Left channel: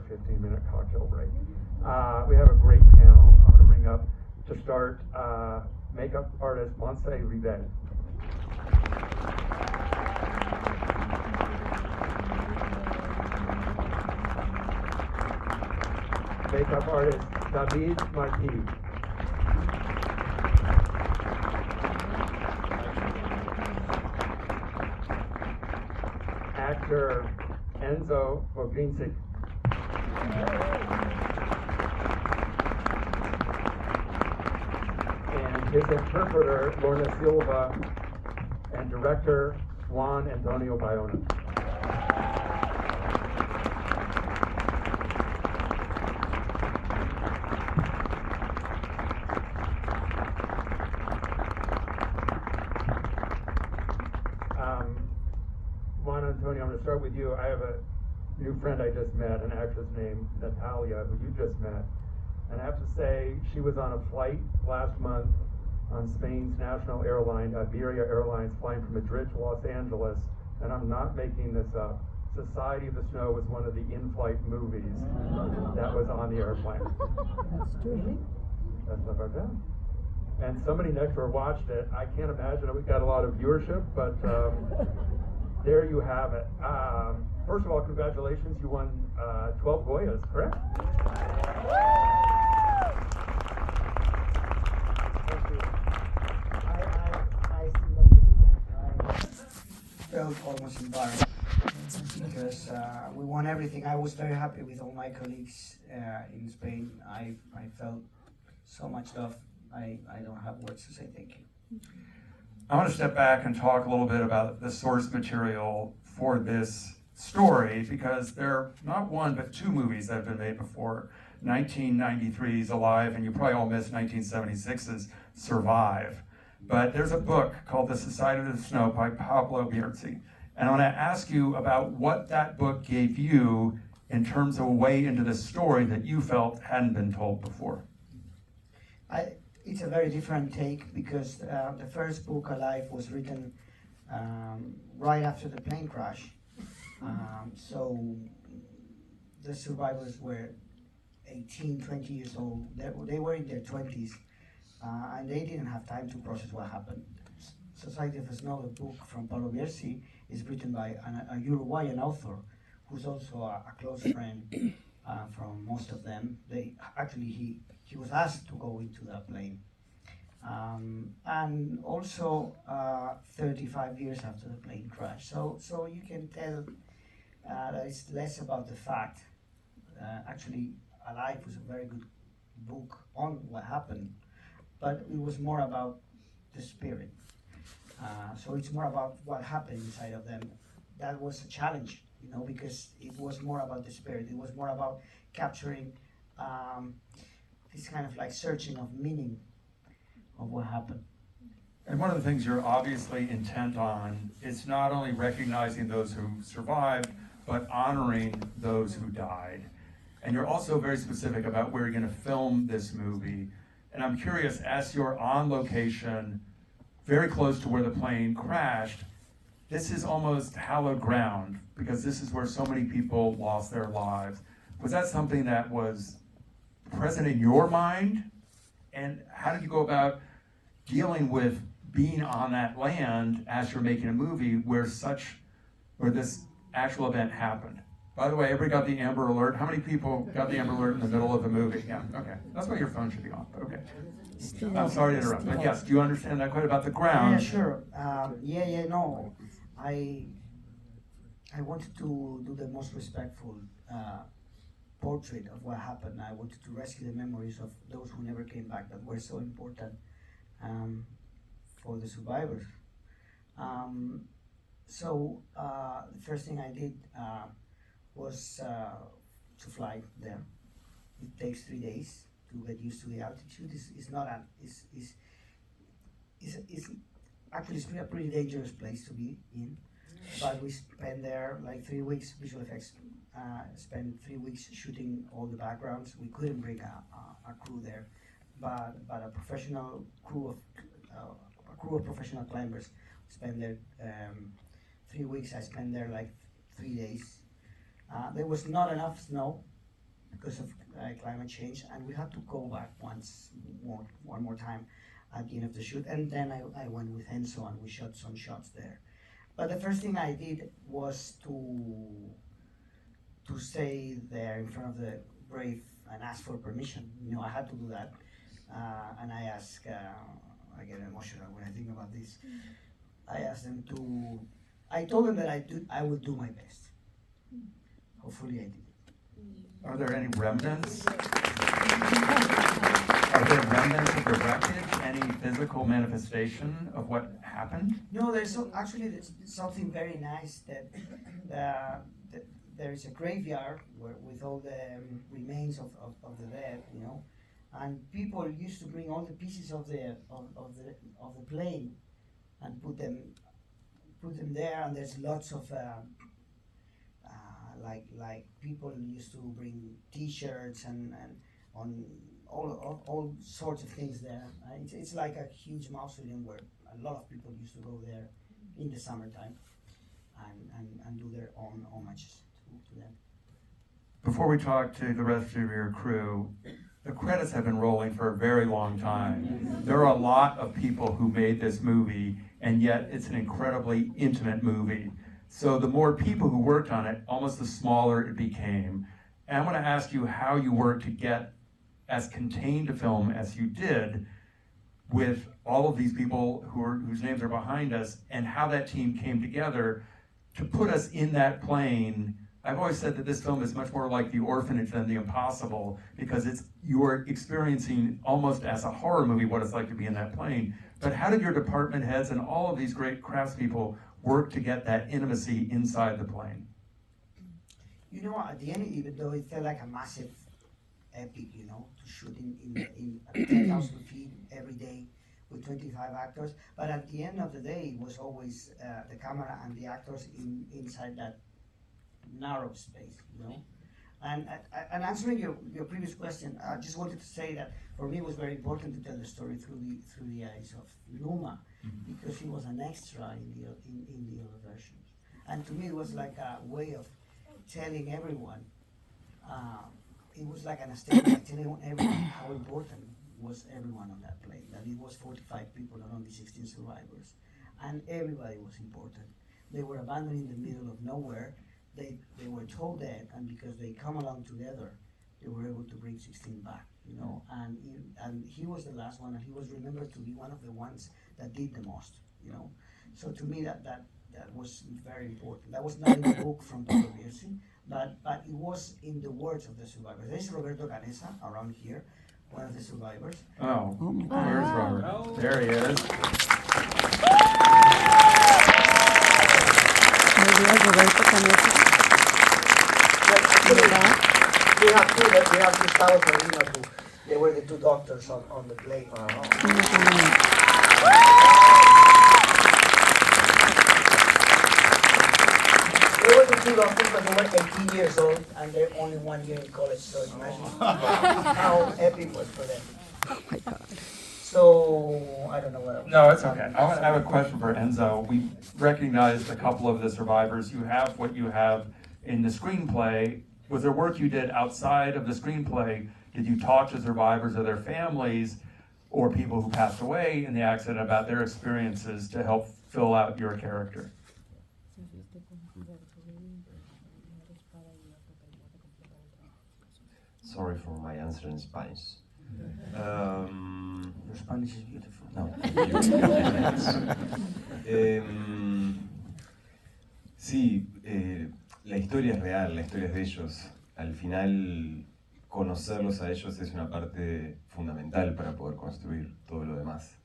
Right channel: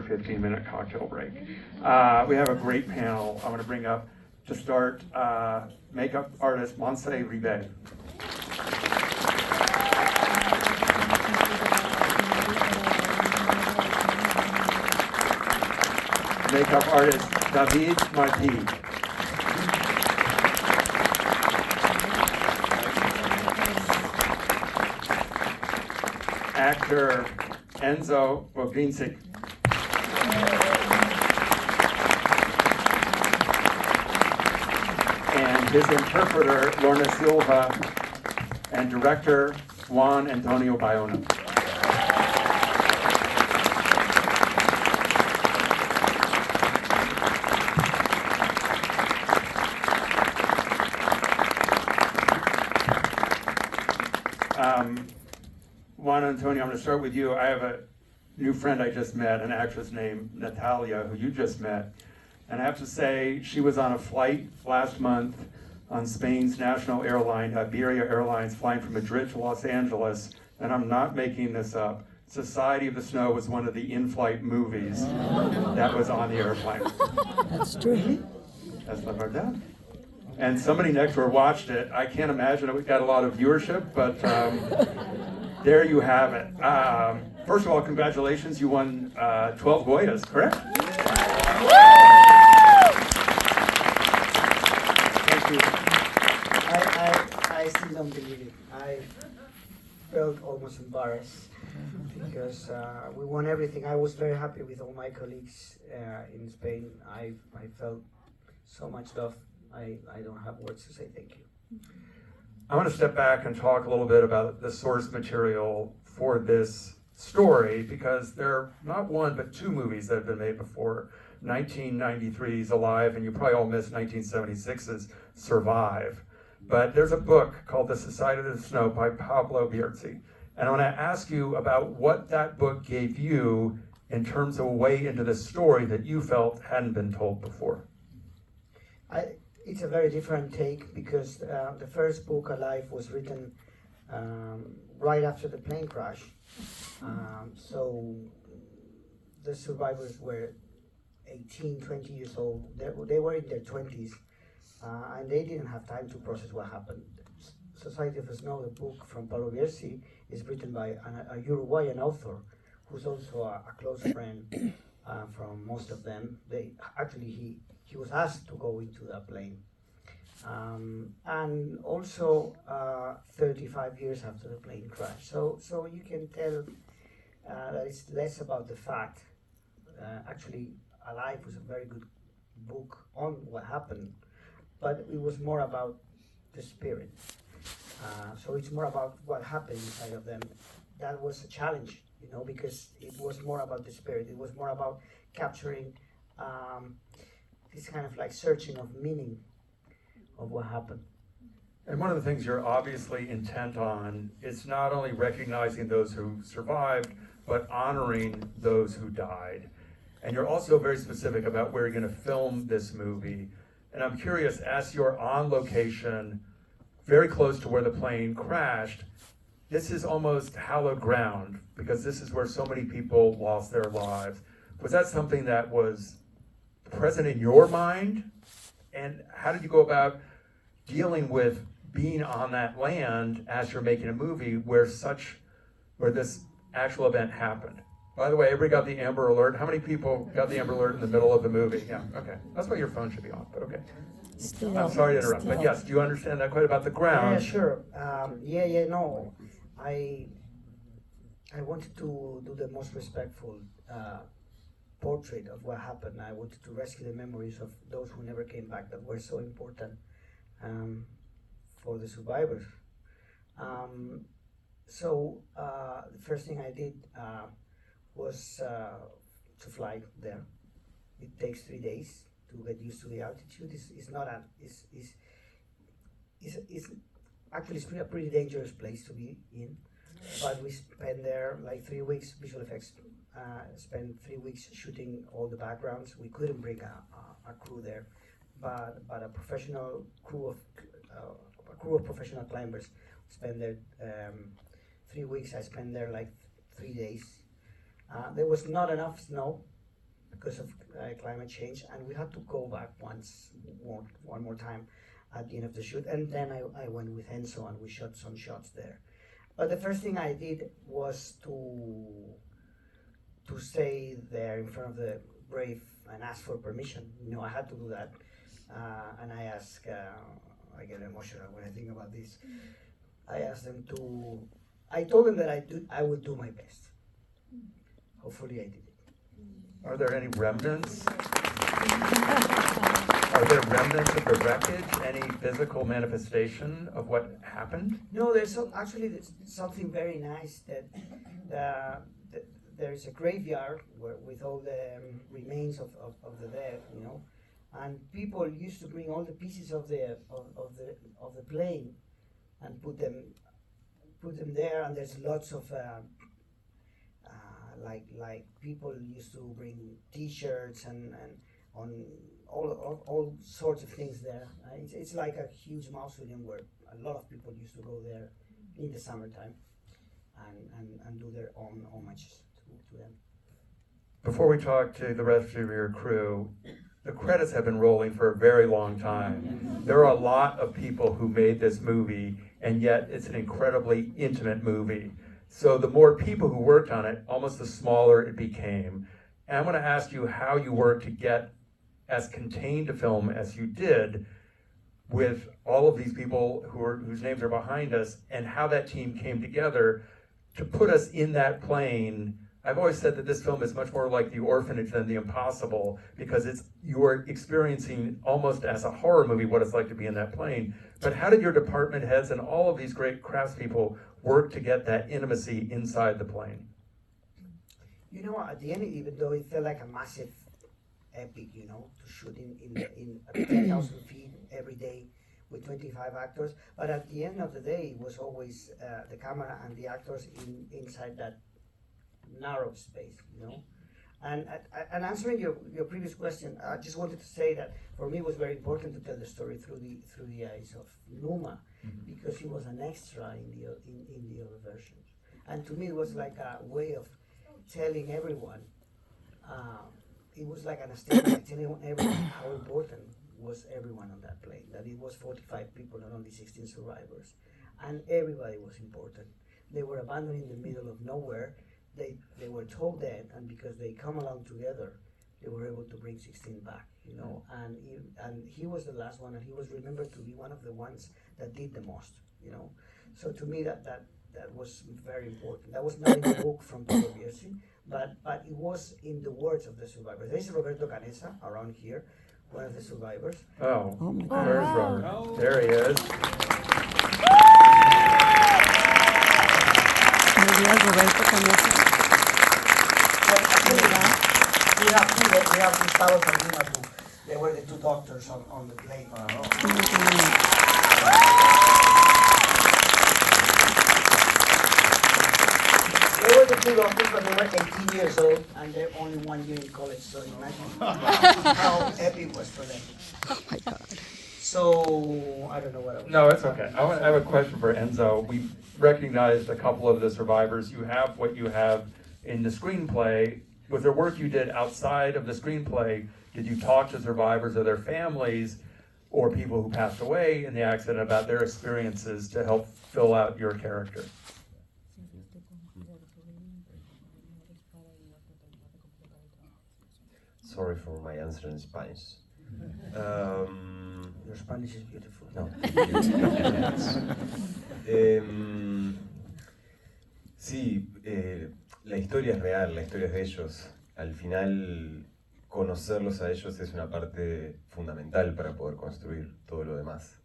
15-minute cocktail break. We have a great panel. I want to bring up to start makeup artist Montse Ribe. Makeup artist David Marti. Actor Enzo Vogrincic. And his interpreter, Lorna Silva, and director, Juan Antonio Bayona. Juan Antonio, I'm going to start with you. I have a new friend I just met, an actress named Natalia, who you just met. And I have to say, she was on a flight last month on Spain's national airline, Iberia Airlines, flying from Madrid to Los Angeles. And I'm not making this up. Society of the Snow was one of the in-flight movies that was on the airplane. That's true. That's not our dad. And somebody next to her watched it. I can't imagine it got a lot of viewership, but there you have it. First of all, congratulations. You won 12 Goyas, correct? Thank you. I still don't believe it. I felt almost embarrassed because we won everything. I was very happy with all my colleagues in Spain. I felt so much love. I don't have words to say thank you. I want to step back and talk a little bit about the source material for this story, because there are not one but two movies that have been made before. 1993's Alive, and you probably all missed 1976's Survive. But there's a book called The Sociedad of the Snow by Pablo Bierzi. And I want to ask you about what that book gave you in terms of a way into the story that you felt hadn't been told before. It's a very different take because the first book, Alive, was written right after the plane crash. So the survivors were 18, 20 years old. They were in their 20s, and they didn't have time to process what happened. Society of the Snow, the book from Pablo Bierzi, is written by a Uruguayan author who's also a close friend from most of them. He was asked to go into that plane. And also 35 years after the plane crash. So you can tell that it's less about the fact. Actually, Alive was a very good book on what happened, but it was more about the spirit. So it's more about what happened inside of them. That was a challenge, because it was more about the spirit. It was more about capturing this kind of like searching of meaning of what happened. And one of the things you're obviously intent on is not only recognizing those who survived, but honoring those who died. And you're also very specific about where you're going to film this movie. And I'm curious, as you're on location, very close to where the plane crashed, this is almost hallowed ground, because this is where so many people lost their lives. Was that something that was present in your mind? And how did you go about dealing with being on that land as you're making a movie where this actual event happened? By the way, everybody got the Amber Alert? How many people got the Amber Alert in the middle of the movie? Yeah, okay. That's why your phone should be on, but okay. I'm sorry to interrupt, but yes, do you understand that quite about the ground? Yeah, sure. No. I wanted to do the most respectful portrait of what happened. I wanted to rescue the memories of those who never came back that were so important for the survivors. So the first thing I did was to fly there. It takes 3 days to get used to the altitude. It's a pretty dangerous place to be in. But we spent there like 3 weeks, visual effects, spent 3 weeks shooting all the backgrounds. We couldn't bring a crew there, but a professional crew of professional climbers spent there 3 weeks. I spent there like 3 days. There was not enough snow because of climate change, and we had to go back one more time at the end of the shoot, and then I went with Enzo and we shot some shots there. But the first thing I did was to stay there in front of the grave and ask for permission. You know, I had to do that, and I asked. I get emotional when I think about this. I asked them to. I told them that I would do my best. Hopefully, I did it. Are there any remnants? Are there remnants of the wreckage? Any physical manifestation of what happened? No, there's something very nice that there is a graveyard with all the remains of the dead, you know, and people used to bring all the pieces of the plane and put them there, and there's lots of like people used to bring T-shirts and on all sorts of things there. It's like a huge mausoleum where a lot of people used to go there in the summertime and do their own homages to them. Before we talk to the rest of your crew, the credits have been rolling for a very long time. There are a lot of people who made this movie, and yet it's an incredibly intimate movie. So the more people who worked on it, almost the smaller it became. And I'm going to ask you how you worked to get as contained a film as you did with all of these people whose names are behind us, and how that team came together to put us in that plane. I've always said that this film is much more like The Orphanage than The Impossible, because you are experiencing almost as a horror movie what it's like to be in that plane. But how did your department heads and all of these great craftspeople work to get that intimacy inside the plane? You know, at the end, even though it felt like a massive epic, you know, to shoot in 10,000 feet every day with 25 actors, but at the end of the day, it was always the camera and the actors inside that narrow space, you know. And answering your previous question, I just wanted to say that for me it was very important to tell the story through the eyes of Numa, because he was an extra in the other versions, and to me it was like a way of telling everyone. It was like an statement telling everyone how important was everyone on that plane. That it was 45 people and only 16 survivors, and everybody was important. They were abandoned in the middle of nowhere. They were told that, and because they come along together, they were able to bring 16 back, you know. And he was the last one, and he was remembered to be one of the ones that did the most, you know. So to me, that was very important. That was not in the book from Pablo Bierzi, but it was in the words of the survivors. There is Roberto Canessa around here, one of the survivors. Oh my God. Where's Robert? Oh. There he is. Roberto Canessa. We have Gustavo Zerbino too. They were the two doctors on the plane. They were the two doctors, but they were 18 years old, and they're only 1 year in college, so imagine how epic it was for them. Oh my God. So, I don't know what. No, it's okay. I have a question for Enzo. We recognized a couple of the survivors. You have what you have in the screenplay. Was there work you did outside of the screenplay? Did you talk to survivors or their families or people who passed away in the accident about their experiences to help fill out your character? Sorry for my answer in Spanish. Your Spanish is beautiful. No. Sí, la historia es real, la historia es de ellos. Al final, conocerlos a ellos es una parte fundamental para poder construir todo lo demás.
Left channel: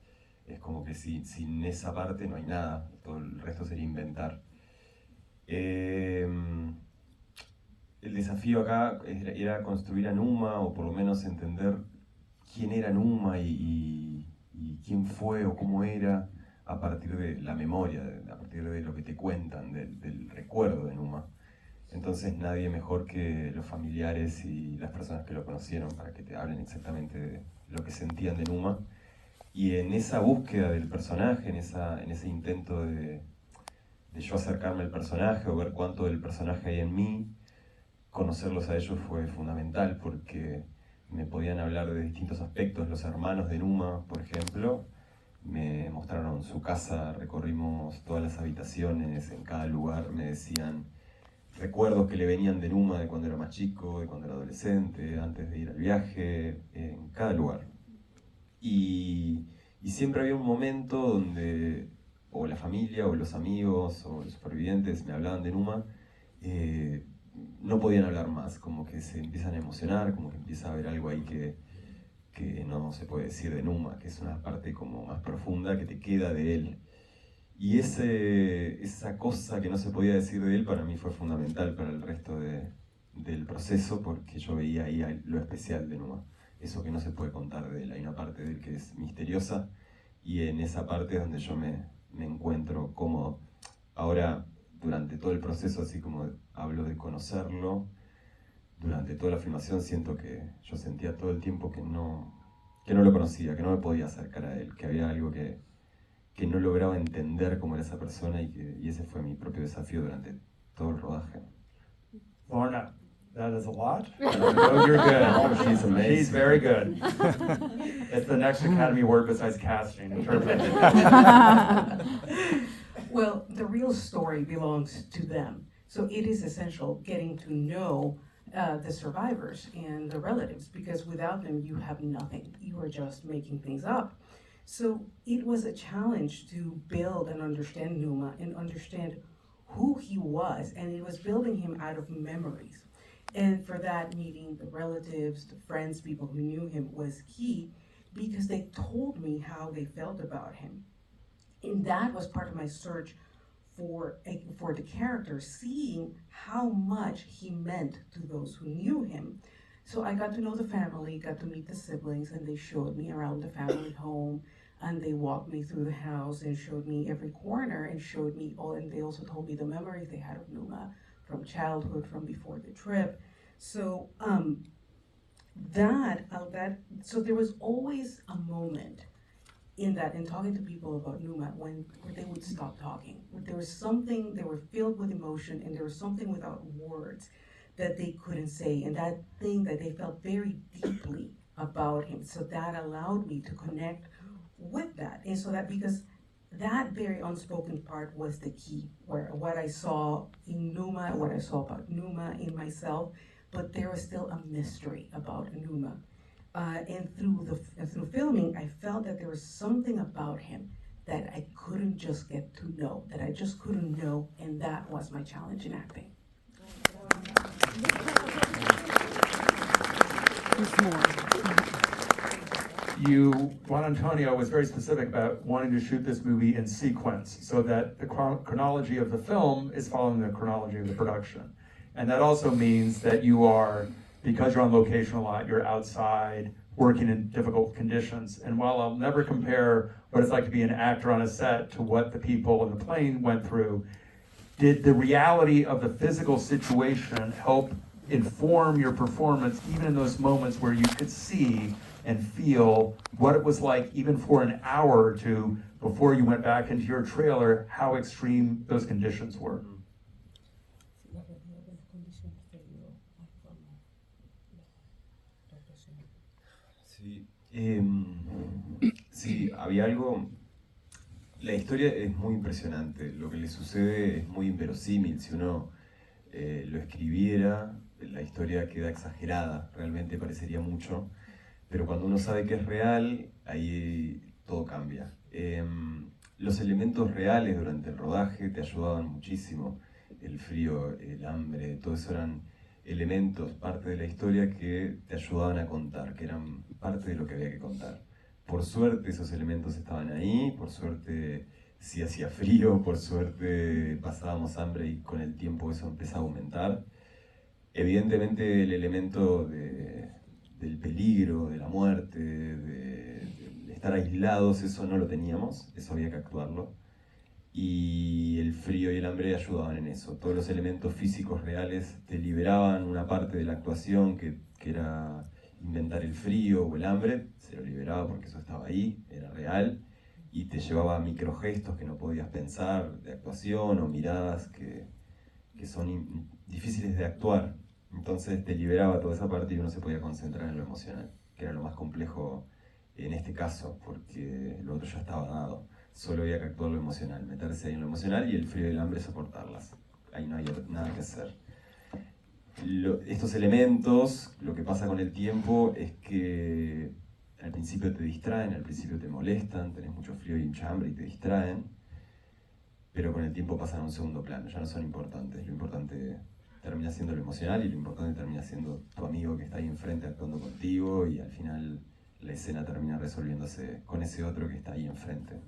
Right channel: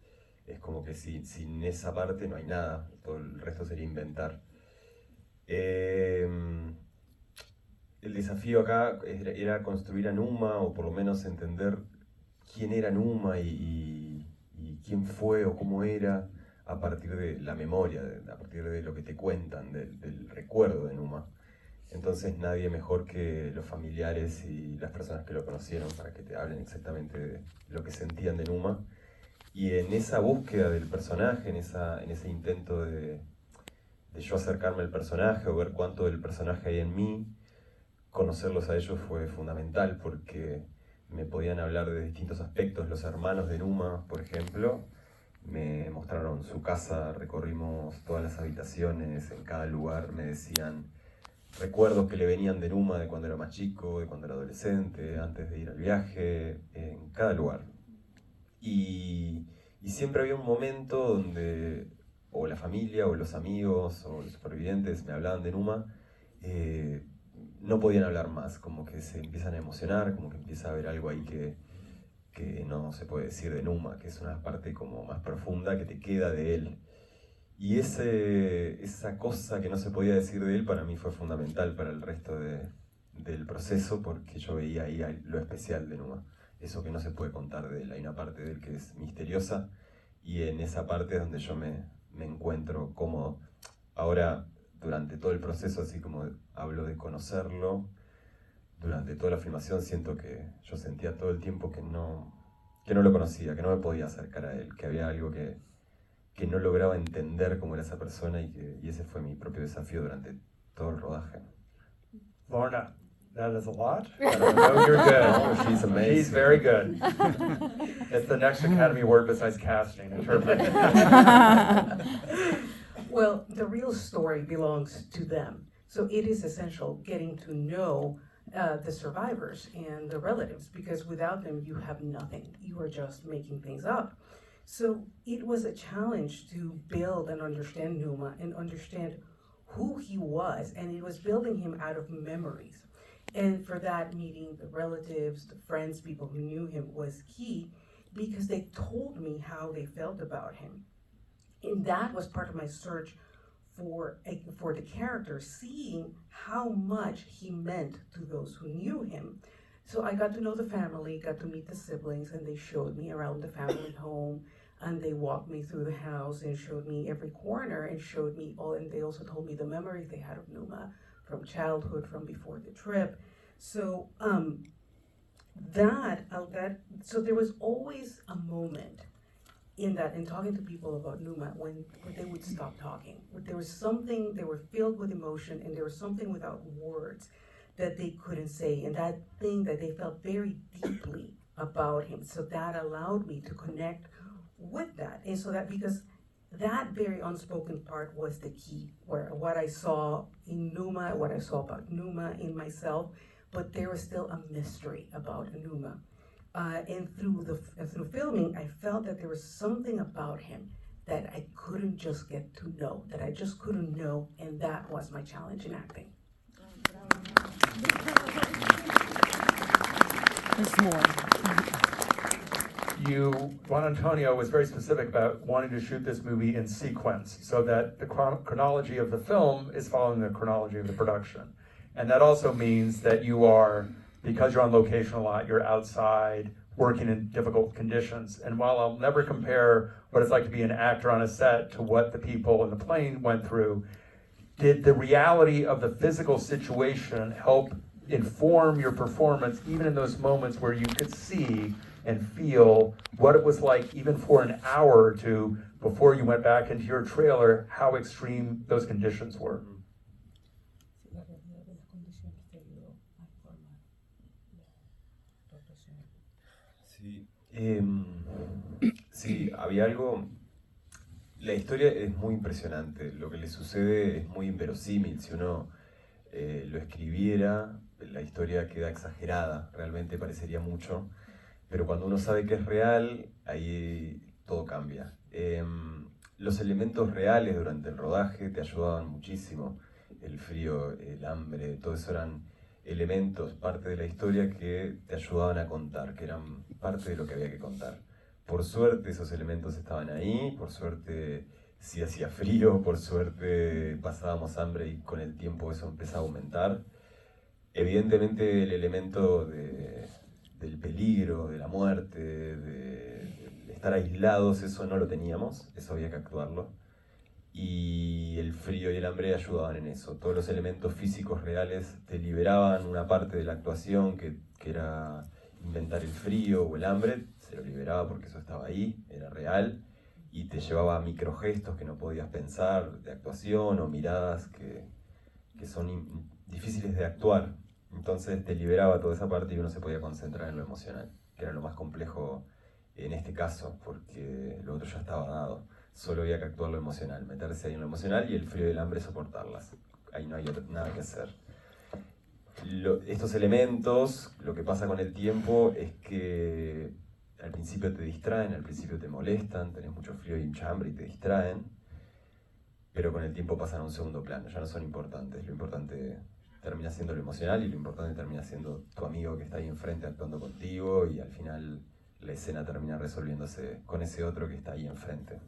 Es como que sin esa parte no hay nada, todo el resto sería inventar. El desafío acá era construir a Numa, o por lo menos entender quién era Numa y quién fue o cómo era, a partir de la memoria, a partir de lo que te cuentan, del recuerdo de Numa. Entonces nadie mejor que los familiares y las personas que lo conocieron para que te hablen exactamente de lo que sentían de Numa. Y en esa búsqueda del personaje, en ese intento de yo acercarme al personaje o ver cuánto del personaje hay en mí, conocerlos a ellos fue fundamental porque me podían hablar de distintos aspectos. Los hermanos de Numa, por ejemplo, me mostraron su casa, recorrimos todas las habitaciones, en cada lugar me decían recuerdos que le venían de Numa de cuando era más chico, de cuando era adolescente, antes de ir al viaje, en cada lugar. Y siempre había un momento donde o la familia, o los amigos, o los supervivientes me hablaban de Numa, no podían hablar más, como que se empiezan a emocionar, como que empieza a haber algo ahí que no se puede decir de Numa, que es una parte como más profunda que te queda de él. Y esa cosa que no se podía decir de él para mí fue fundamental para el resto del proceso, porque yo veía ahí lo especial de Numa, eso que no se puede contar de él. Hay una parte de él que es misteriosa, y en esa parte es donde yo me encuentro cómodo. Ahora, durante todo el proceso, así como hablo de conocerlo, durante toda la filmación siento que yo sentía todo el tiempo que no lo conocía, que no me podía acercar a él, que había algo que no lograba entender cómo era esa persona, y ese fue mi propio desafío durante todo el rodaje. Lorna, that is a lot. No, You're good. She's amazing. She's very good. It's the next Academy Award besides casting. Interpreting. Well, the real story belongs to them. So it is essential getting to know the survivors and the relatives, because without them, you have nothing. You are just making things up. So it was a challenge to build and understand Numa and understand who he was, and it was building him out of memories. And for that, meeting the relatives, the friends, people who knew him was key, because they told me how they felt about him. And that was part of my search for the character, seeing how much he meant to those who knew him. So I got to know the family, got to meet the siblings, and they showed me around the family home, and they walked me through the house and showed me every corner and showed me all, and they also told me the memories they had of Numa from childhood, from before the trip. So so there was always a moment in talking to people about Numa when they would stop talking. There was something, they were filled with emotion, and there was something without words that they couldn't say, and that thing that they felt very deeply about him. So that allowed me to connect with that. And so that, because that very unspoken part was the key, where what I saw in Numa, what I saw about Numa in myself, but there was still a mystery about Numa. And through filming, I felt that there was something about him that I couldn't just get to know, that I just couldn't know, and that was my challenge in acting. There's more. Juan Antonio was very specific about wanting to shoot this movie in sequence, so that the chronology of the film is following the chronology of the production. And that also means that you are, because you're on location a lot, you're outside, working in difficult conditions. And while I'll never compare what it's like to be an actor on a set to what the people on the plane went through, did the reality of the physical situation help inform your performance, even in those moments where you could see and feel what it was like, even for an hour or two before you went back into your trailer, how extreme those conditions were? Sí, había algo. La historia es muy impresionante. Lo que le sucede es muy inverosímil. Si uno lo escribiera, la historia queda exagerada. Realmente parecería mucho. Pero cuando uno sabe que es real, ahí todo cambia. Los elementos reales durante el rodaje te ayudaban muchísimo. El frío, el hambre, todo eso eran elementos, parte de la historia que te ayudaban a contar, que eran parte de lo que había que contar. Por suerte esos elementos estaban ahí, por suerte sí hacía frío, por suerte pasábamos hambre y con el tiempo eso empezó a aumentar. Evidentemente el elemento del peligro, de la muerte, de estar aislados, eso no lo teníamos, eso había que actuarlo. Y el frío y el hambre ayudaban en eso. Todos los elementos físicos reales te liberaban una parte de la actuación que era inventar el frío o el hambre, se lo liberaba porque eso estaba ahí, era real, y te llevaba a microgestos que no podías pensar de actuación o miradas que son difíciles de actuar. Entonces te liberaba toda esa parte y uno se podía concentrar en lo emocional, que era lo más complejo en este caso, porque lo otro ya estaba dado. Solo había que actuar lo emocional, meterse ahí en lo emocional y el frío y el hambre soportarlas. Ahí no había nada que hacer. Estos elementos, lo que pasa con el tiempo es que al principio te distraen, al principio te molestan, tenés mucho frío y mucha hambre y te distraen, pero con el tiempo pasan a un segundo plano, ya no son importantes. Lo importante termina siendo lo emocional y lo importante termina siendo tu amigo que está ahí enfrente actuando contigo y al final la escena termina resolviéndose con ese otro que está ahí enfrente.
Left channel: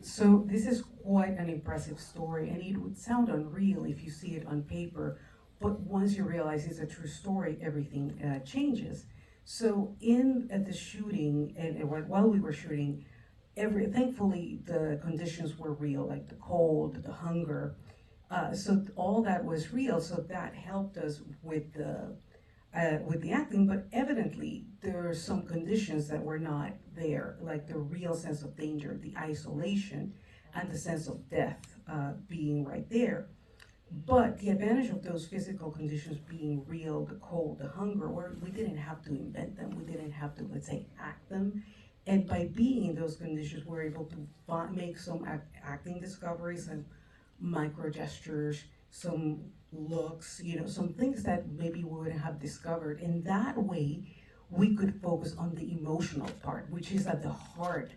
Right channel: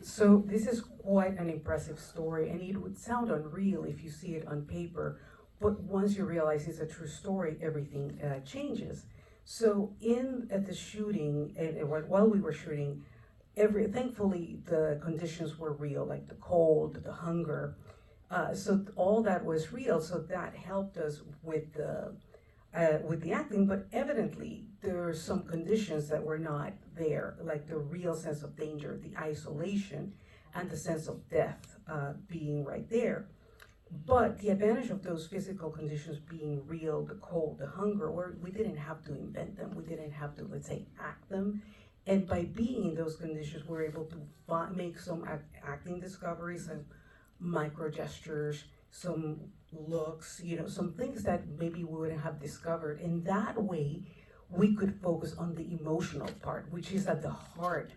So this is quite an impressive story, and it would sound unreal if you see it on paper, but once you realize it's a true story, everything changes. So in the shooting, and while we were shooting, thankfully the conditions were real, like the cold, the hunger. So all that was real. So that helped us with the acting. But evidently there are some conditions that were not there, like the real sense of danger, the isolation, and the sense of death being right there. But the advantage of those physical conditions being real, the cold, the hunger, we didn't have to invent them. We didn't have to, let's say, act them. And by being in those conditions, we're able to make some acting discoveries and micro gestures, some looks, some things that maybe we wouldn't have discovered. In that way, we could focus on the emotional part, which is at the heart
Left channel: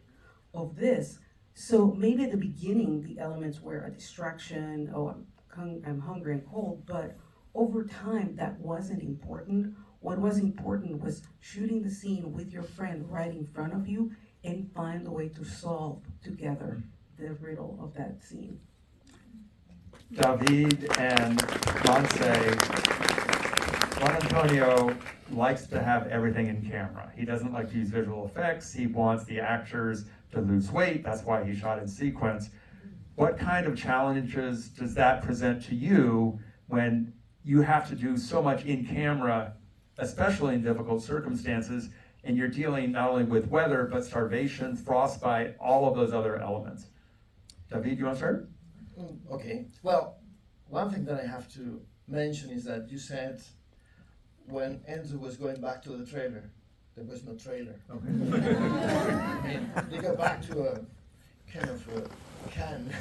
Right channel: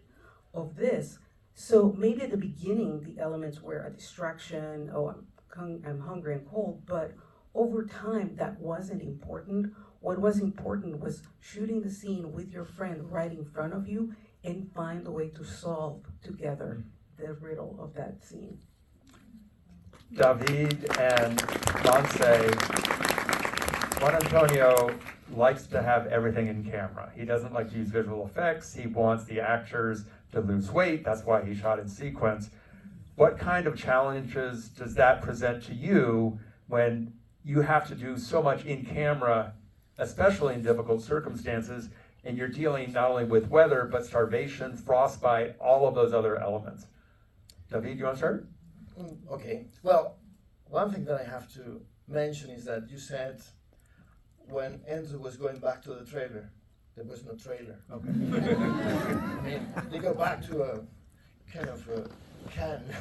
of this. So maybe at the beginning, the elements were a distraction, I'm hungry and cold, but over time, that wasn't important. What was important was shooting the scene with your friend right in front of you and find a way to solve together the riddle of that scene. David and Monse, Juan Antonio likes to have everything in camera. He doesn't like to use visual effects. He wants the actors to lose weight. That's why he shot in sequence. What kind of challenges does that present to you when you have to do so much in camera, especially in difficult circumstances, and you're dealing not only with weather, but starvation, frostbite, all of those other elements? David, you want to start? Okay. Well, one thing that I have to mention is that you said when Enzo was going back to the trailer, there was no trailer. Okay. I mean, they go back to a kind of a can,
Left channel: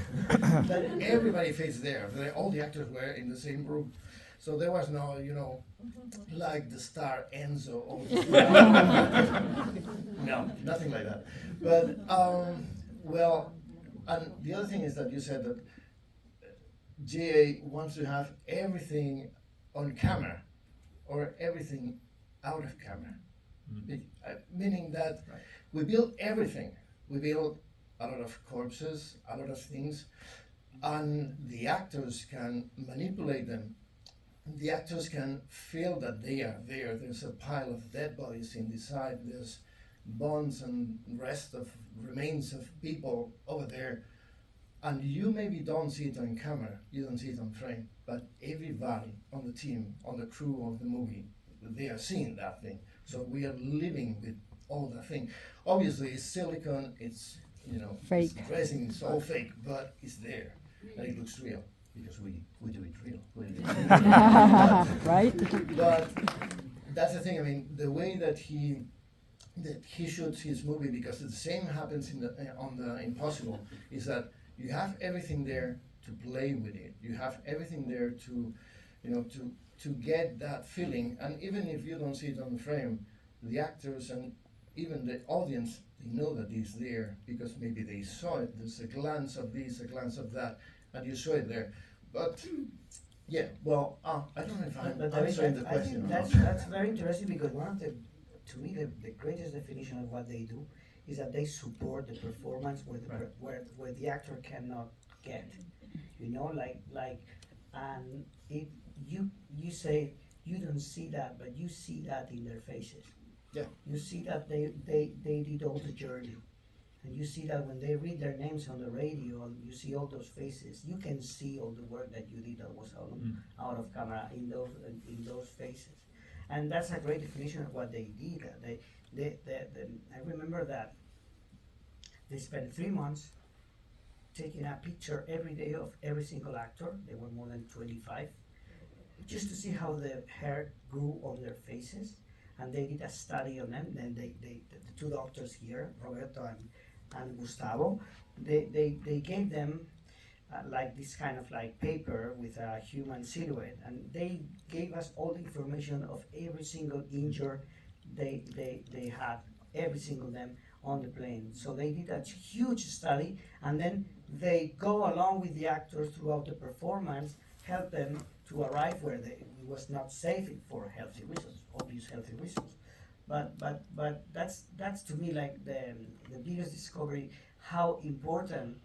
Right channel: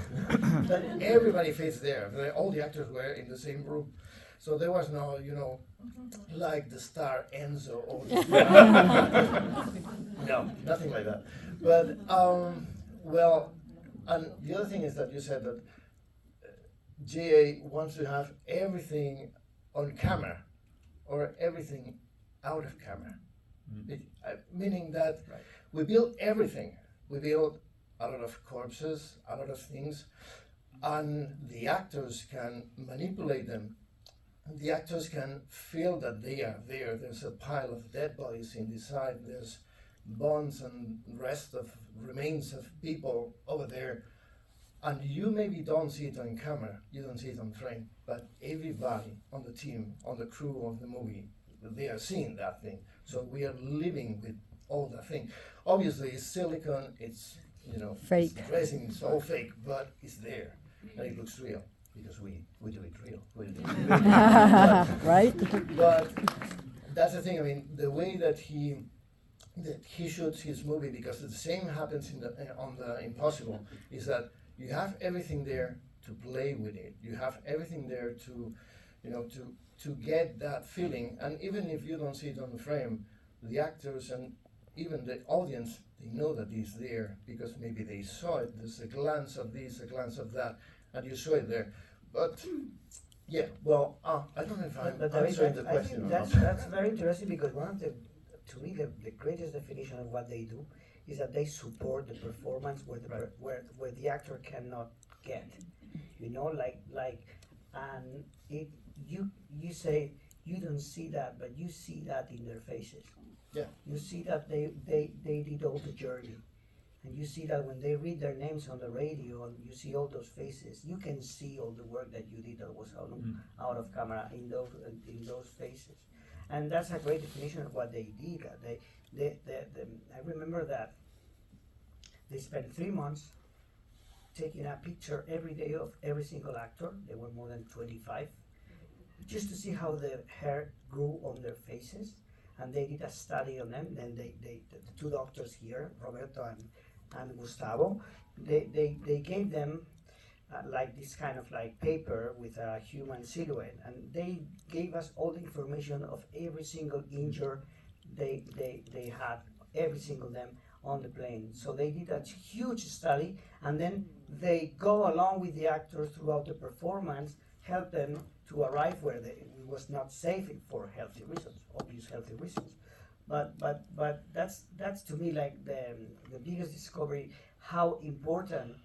but everybody fits there. All the actors were in the same room. So there was no, like the star Enzo or no, nothing like that. But, well, and the other thing is that you said that GA wants to have everything on camera or everything out of camera. Meaning that we build everything. We build a lot of corpses, a lot of things, and the actors can manipulate them. The actors can feel that they are there. There's a pile of dead bodies in the side. There's bones and rest of remains of people over there. And you maybe don't see it on camera, you don't see it on frame, but everybody on the team, on the crew of the movie, they are seeing that thing. So we are living with all that thing. Obviously, it's silicone, it's, Fake. It's resin, it's all fake, but it's there. And it looks real, because we do it real. Right? But that's the thing, I mean, the way that he shoots his movie, because the same happens on the Impossible, is that you have everything there to play with it. You have everything there to get that feeling. And even if you don't see it on the frame, the actors and even the audience, they know that it's there because maybe they saw it. There's a glance of this, a glance of that, and you saw it there. But yeah, well, I don't know if I'm answering the question. I think that's very interesting because to me, the greatest definition of what they do is that they support the performance where the actor cannot get, and you say you don't see that, but you see that in their faces. Yeah. You see that they did all the journey, and you see that when they read their names on the radio, and you see all those faces, you can see all the work that you did that was out of camera in those faces, and that's a great definition of what they did. I remember that they spent 3 months taking a picture every day of every single actor. There were more than 25 just to see how the hair grew on their faces, and they did a study on them. Then the two doctors here, Roberto and Gustavo, they gave them like this kind of like paper with a human silhouette, and they gave us all the information of every single injury they had, every single them on the plane. So they did a huge study, and then they go along with the actors throughout the performance, help them to arrive where it was not safe for healthy reasons, obvious healthy reasons. But that's to me like the biggest discovery, how important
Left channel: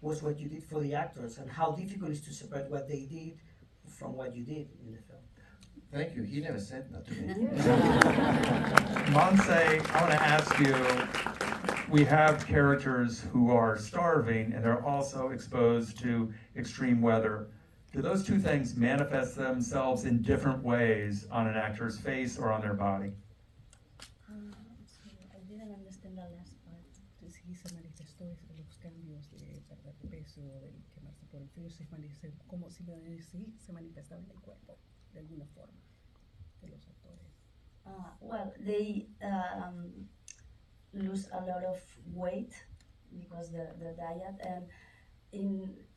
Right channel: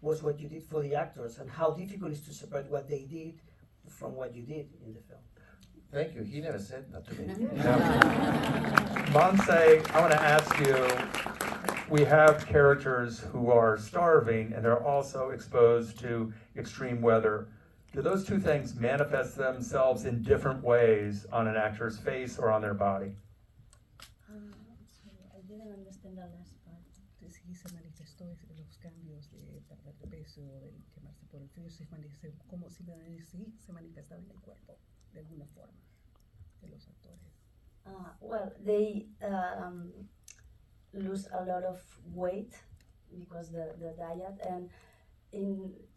was what you did for the actors and how difficult it is to separate what they did from what you did in the film. Thank you. He never said that to me. Monse, I want to ask you, we have characters who are starving and they're also exposed to extreme weather. Do those two things manifest themselves in different ways on an actor's face or on their body? Sorry, I didn't understand the last part. Entonces, sí se manifestó los cambios de perder de peso, de quemarse por el frío, como si sí se manifestaba en el cuerpo de alguna forma de los actores. Well, they lose a lot of weight because the diet, and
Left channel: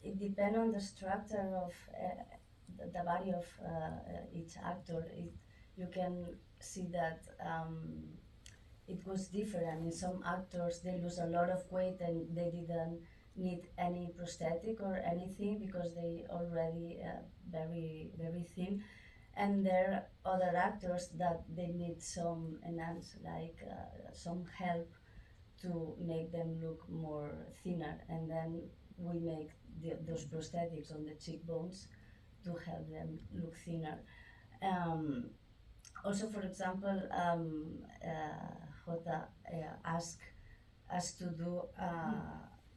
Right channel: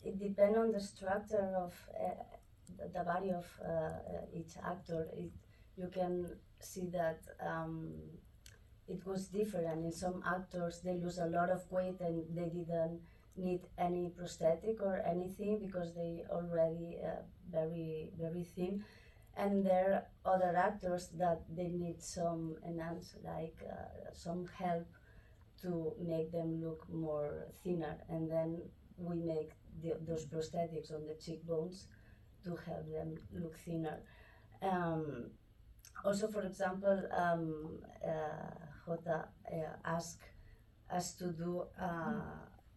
it depends on the structure of the body of each actor. You can see that it goes different. In some actors, they lose a lot of weight and they didn't need any prosthetic or anything because they already very thin. And there are other actors that they need some enhance, like some help to make them look more thinner, and then we make those prosthetics on the cheekbones to help them look thinner. Also, for example, Jota asked us to do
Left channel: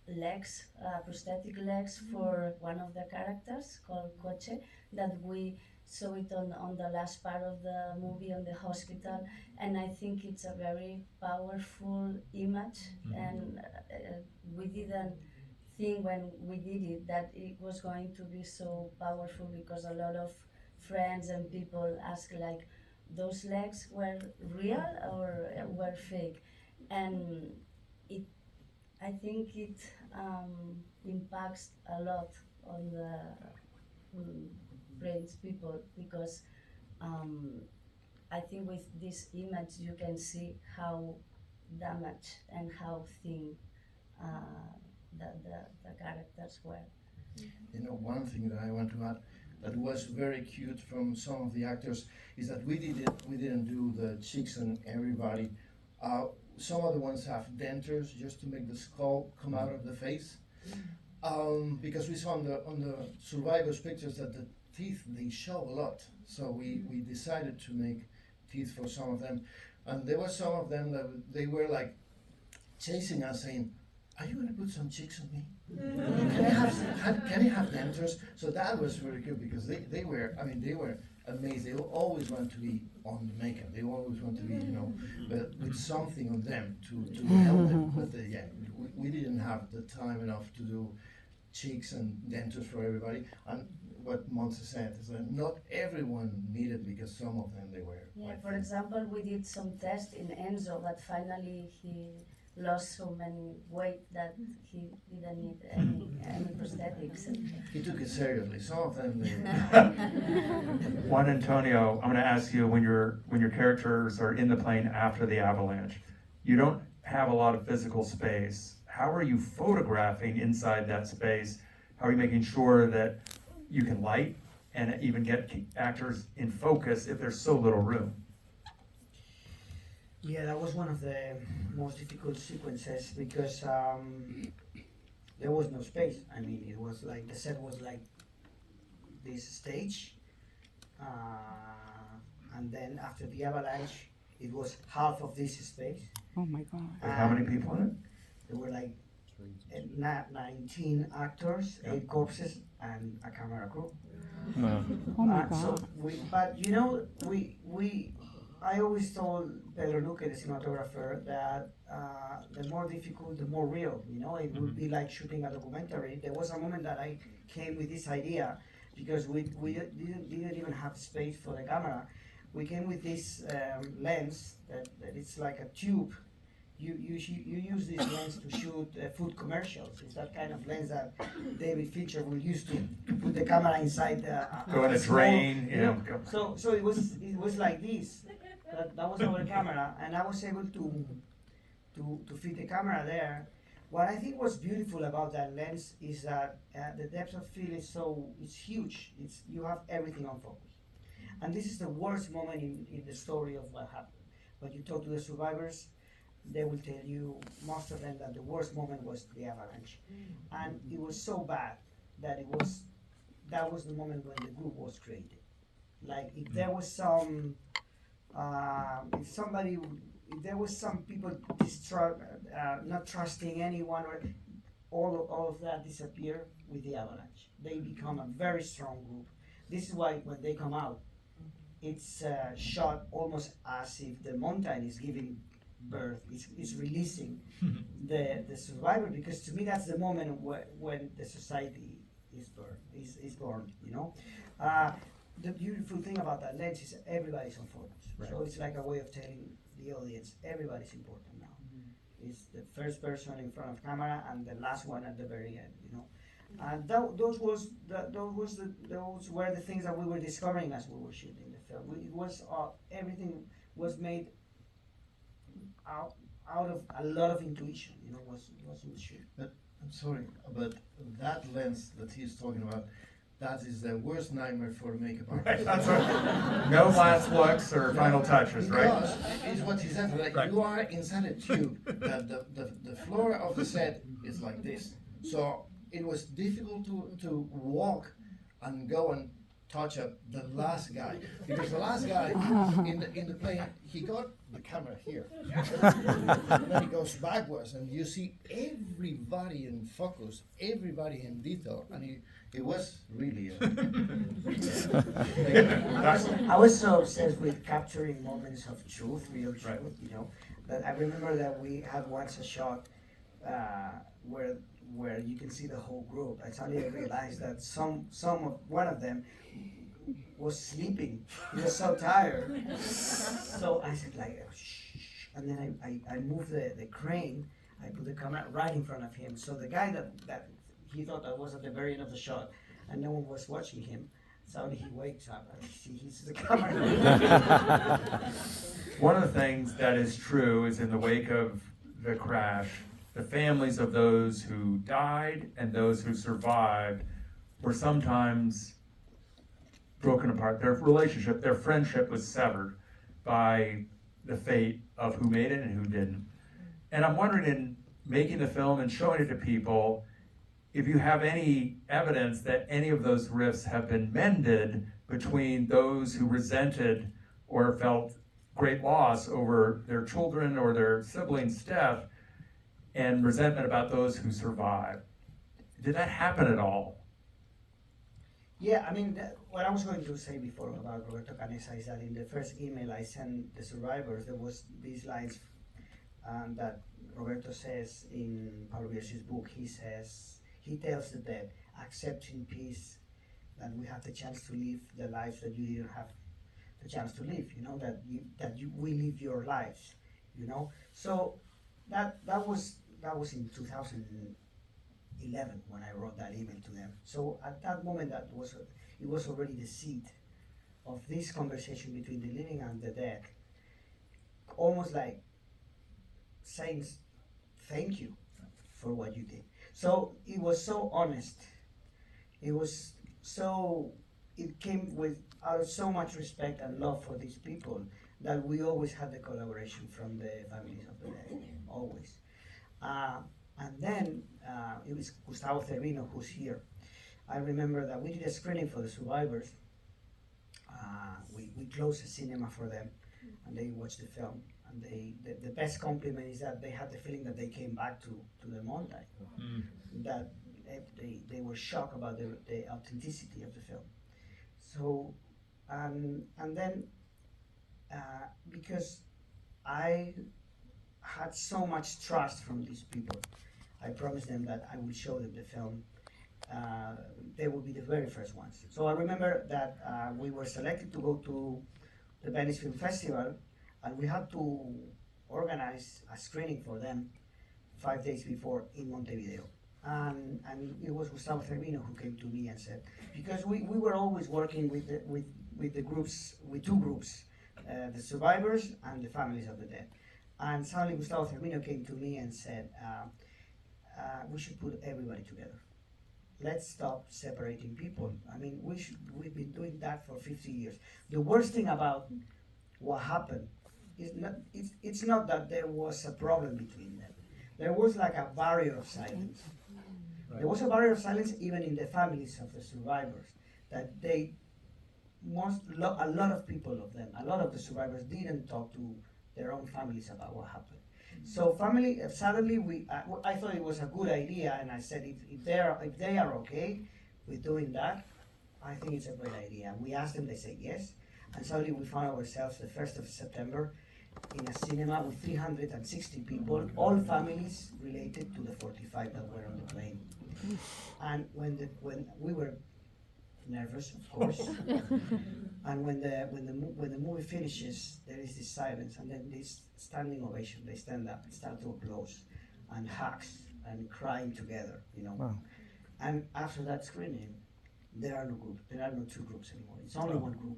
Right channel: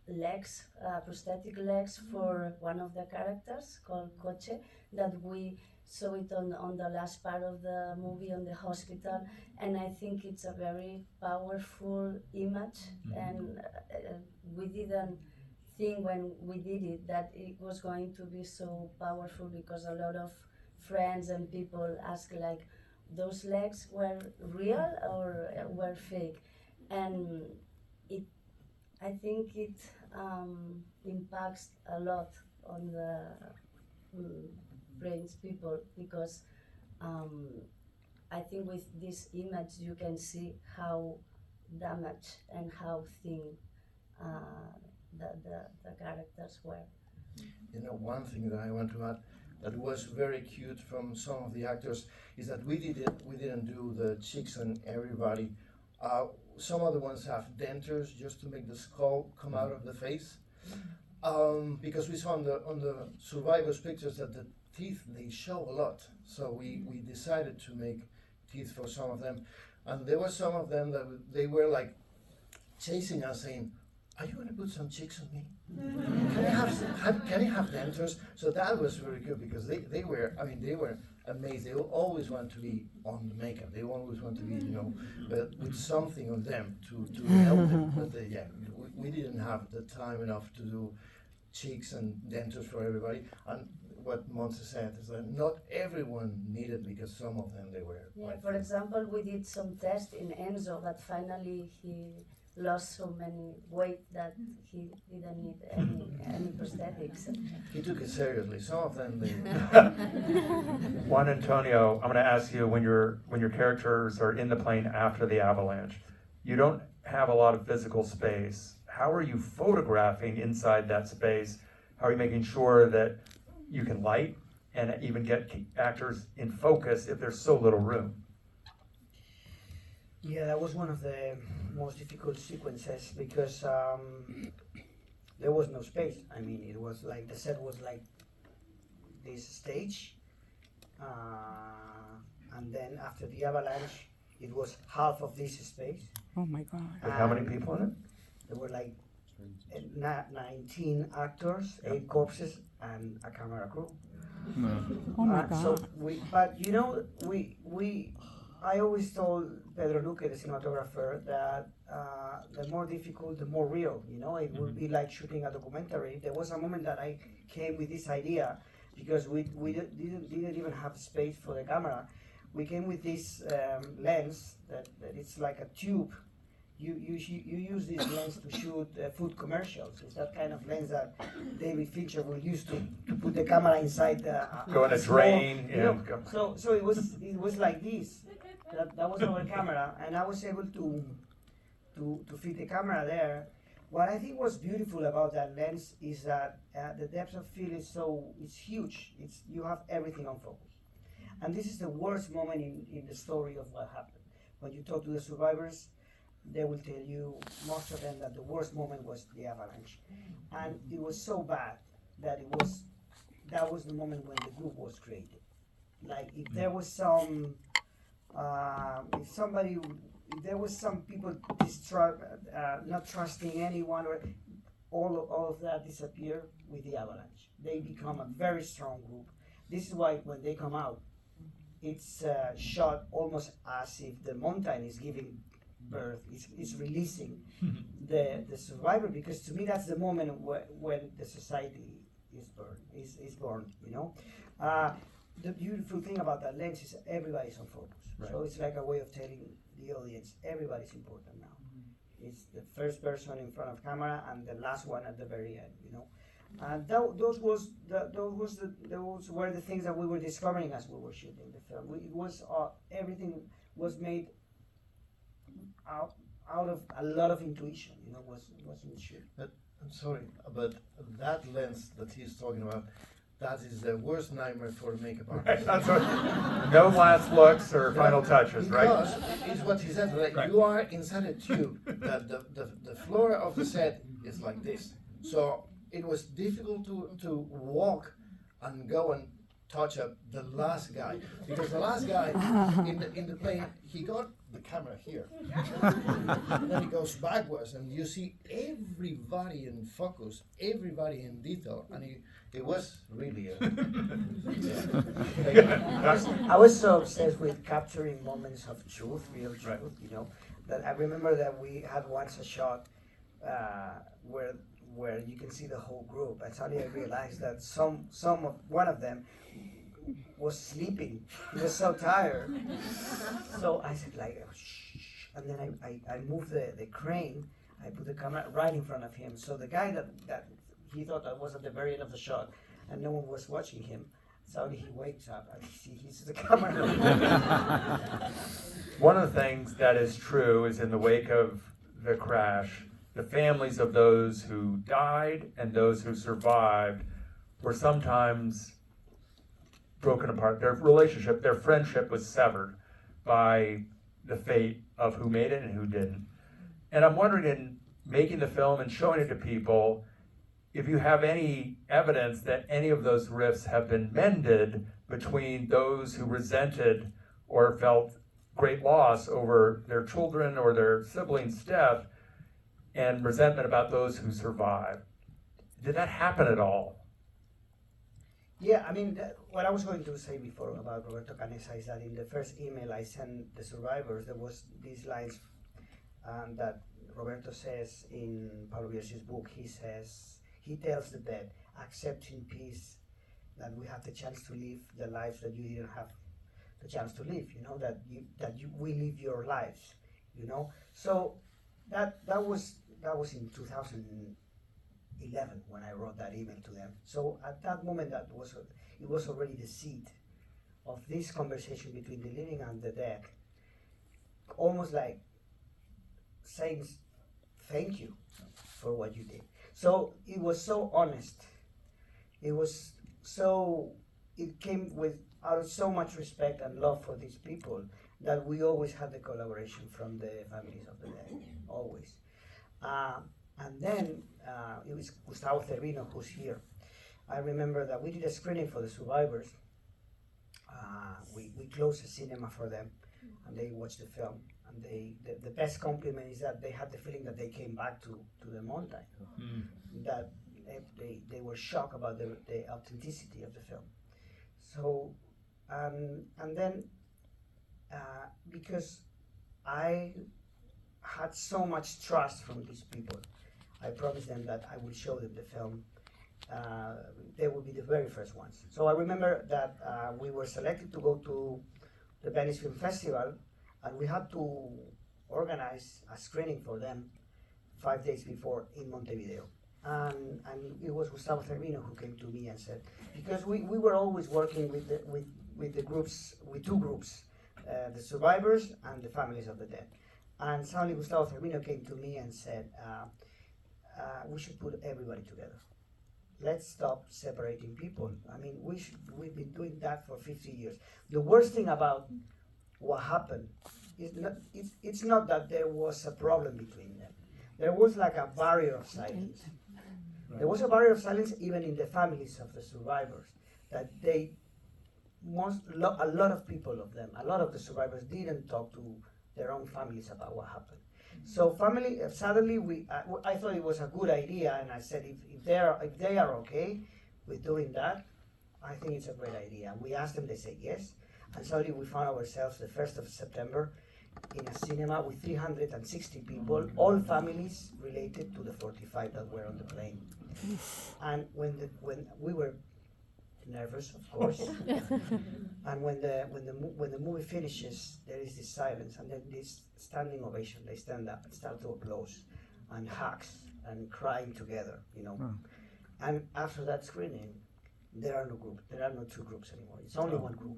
legs, prosthetic legs for one of the characters called Coche, that we saw it on the last part of the movie on the hospital, and I think it's a very powerful image, and we didn't think when we did it that it was going to be so powerful, because a lot of friends and people ask like, those legs were real or were fake, and I think it impacts a lot on the brains people, because I think with this image you can see how damaged and how thin the characters were. You know, one thing that I want to add that was very cute from some of the actors is that we didn't do the cheeks on everybody. Some of the ones have dentures just to make the skull come out of the face. Because we saw on the survivors' pictures that the teeth, they show a lot. So we decided to make teeth for some of them. And there were some of them that they were like chasing us, saying, "Are you going to put some cheeks on me? Can you have dentures?" So that was very good, because they were amazed. They always want to be on the makeup. They always want to be, but with something on them to help them. But we didn't have the time enough to do cheeks and dentures for everybody. And what Montse said is that not everyone needed, because some of them they were. Yeah, for example, we did some tests in Enzo, but finally he lost so many weight that he didn't need any prosthetics. He took it seriously. Some of them. Juan Antonio, I'm going to ask you, when your characters are in the plane after the avalanche, you don't have a lot of physical space. How are you photographing inside that space? How are you making sure that you can light and even get actors in focus if there's so little room? Yeah, that was one of the most difficult sequences, because there was no space. I mean, it was like, the set was like this stage, and then after the avalanche, it was half of this space. Oh my God. And how many people in it? There were like 19 actors, 8 corpses, and a camera crew. Oh my So God. I always told Pedro Luque, the cinematographer, that the more difficult, the more real. It would be like shooting a documentary. There was a moment that I came with this idea, because we didn't even have space for the camera. We came with this lens that it's like a tube. You use this lens to shoot food commercials. It's that kind of lens that David Fincher will use to put the camera inside the Go in a small, drain, you know. So it was like this. That was our camera, and I was able to fit the camera there. What I think was beautiful about that lens is that the depth of field is huge. You have everything on focus, and this is the worst moment in the story of what happened. When you talk to the survivors, they will tell you, most of them, that the worst moment was the avalanche, and it was so bad that that was the moment when the group was created. Like if there was some if there was some people not trusting anyone, or all of that disappear with the avalanche. They become a very strong group. This is why when they come out, it's shot almost as if the mountain is giving birth, is releasing the survivor, because to me that's the moment when the society is born, you know. The beautiful thing about that lens is everybody's on focus. Right. So it's like a way of telling the audience everybody's important now. It's the first person in front of camera and the last one at the very end, you know. And those were the things that we were discovering as we were shooting the film. It was everything was made out of a lot of intuition, you know, was in the shoot. But I'm sorry, but that lens that he's talking about, that is the worst nightmare for a makeup artist. That's right. No last looks or final touches, right? Because it's what he said, like, Right. you are inside a tube, that the floor of the set is like this. So it was difficult to walk and go and touch up the last guy, because the last guy in the plane, he got the camera here, and then he goes backwards, and you see everybody in focus, everybody in detail, and it was really. I was so obsessed with capturing moments of truth, real truth, Right. you know, that I remember that we had once a shot where you can see the whole group. And suddenly I realized that one of them was sleeping. He was so tired. So I said like, shh, and then I moved the crane. I put the camera right in front of him. So the guy that he thought I was at the very end of the shot, and no one was watching him. Suddenly he wakes up and he sees the camera. One of the things that is true is in the wake of the crash, the families of those who died and those who survived were sometimes broken apart. Their relationship, their friendship was severed by the fate of who made it and who didn't. And I'm wondering, in making the film and showing it to people, if you have any evidence that any of those rifts have been mended between those who resented or felt great loss over their children or their siblings' death, and resentment about those who survived. Did that happen at all? Yeah, I mean, what I was going to say before about Roberto Canessa is that in the first email I sent the survivors, there was these lines that Roberto says in Pablo Villes's book. He tells the dead, accept in peace that we have the chance to live the lives that you didn't have the chance to live, you know, we live your lives, you know. So that was in 2011 when I wrote that email to them. So at that moment, it was already the seed of this conversation between the living and the dead, almost like saying thank you for what you did. So it was so honest. It came out of so much respect and love for these people that we always had the collaboration from the families of the dead, always. And then it was Gustavo Zerbino who's here. I remember that we did a screening for the survivors. We closed a cinema for them, and they watched the film. And the best compliment is that they had the feeling that they came back to the mountain. That they were shocked about the authenticity of the film. So, and then because I had so much trust from these people, I promised them that I would show them the film, they would be the very first ones. So I remember that we were selected to go to the Venice Film Festival, and we had to organize a screening for them 5 days before in Montevideo. And it was Gustavo Zerbino who came to me and said, because we were always working with the groups, with two groups, the survivors and the families of the dead. And suddenly Gustavo Zerbino came to me and said, we should put everybody together. Let's stop separating people. I mean, we've been doing that for 50 years. The worst thing about what happened is it's not that there was a problem between them. There was like a barrier of silence. There was a barrier of silence even in the families of the survivors, that a lot of people of them, a lot of the survivors didn't talk to their own families about what happened. So family, suddenly I thought it was a good idea, and I said if they are okay with doing that, I think it's a great idea. And we asked them, they said yes, and suddenly we found ourselves the 1st of September in a cinema with 360 people, all families related to the 45 that were on the plane. And when we were nervous, of course, and when the movie finishes, there is this silence, and then this standing ovation. They stand up, start to applause, and hugs, and crying together, you know. And after that screening, there are no two groups anymore. It's only one group.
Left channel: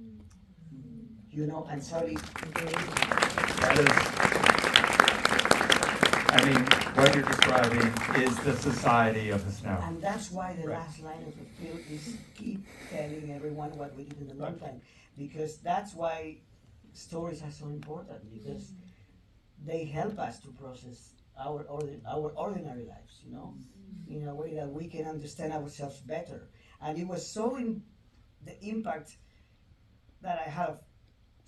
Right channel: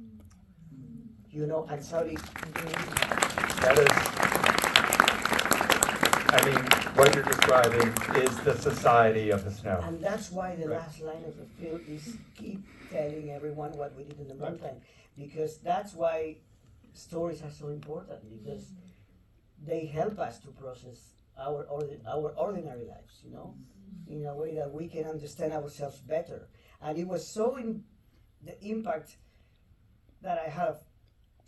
You know, and suddenly That is, I mean, what you're describing is the society of the snow. And that's why the last line of the film is keep telling everyone what we did in the meantime, because that's why stories are so important, because they help us to process our ordinary lives, you know, in a way that we can understand ourselves better. And it was so the impact that I have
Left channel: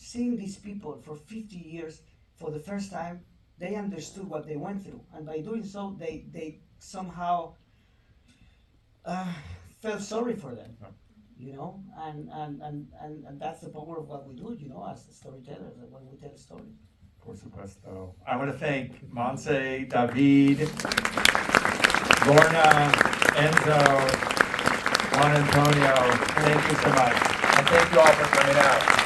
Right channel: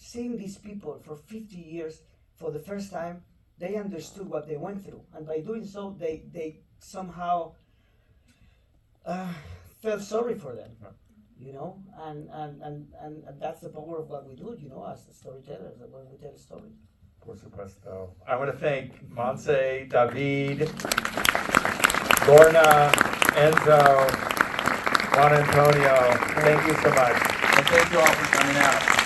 seeing these people for 50 years for the first time. They understood what they went through, and by doing so, they somehow felt sorry for them, you know, and that's the power of what we do, you know, as storytellers, when we tell stories. Por supuesto. I want to thank Montse, David, Lorna, Enzo, Juan Antonio. Thank you so much. And thank you all for coming out.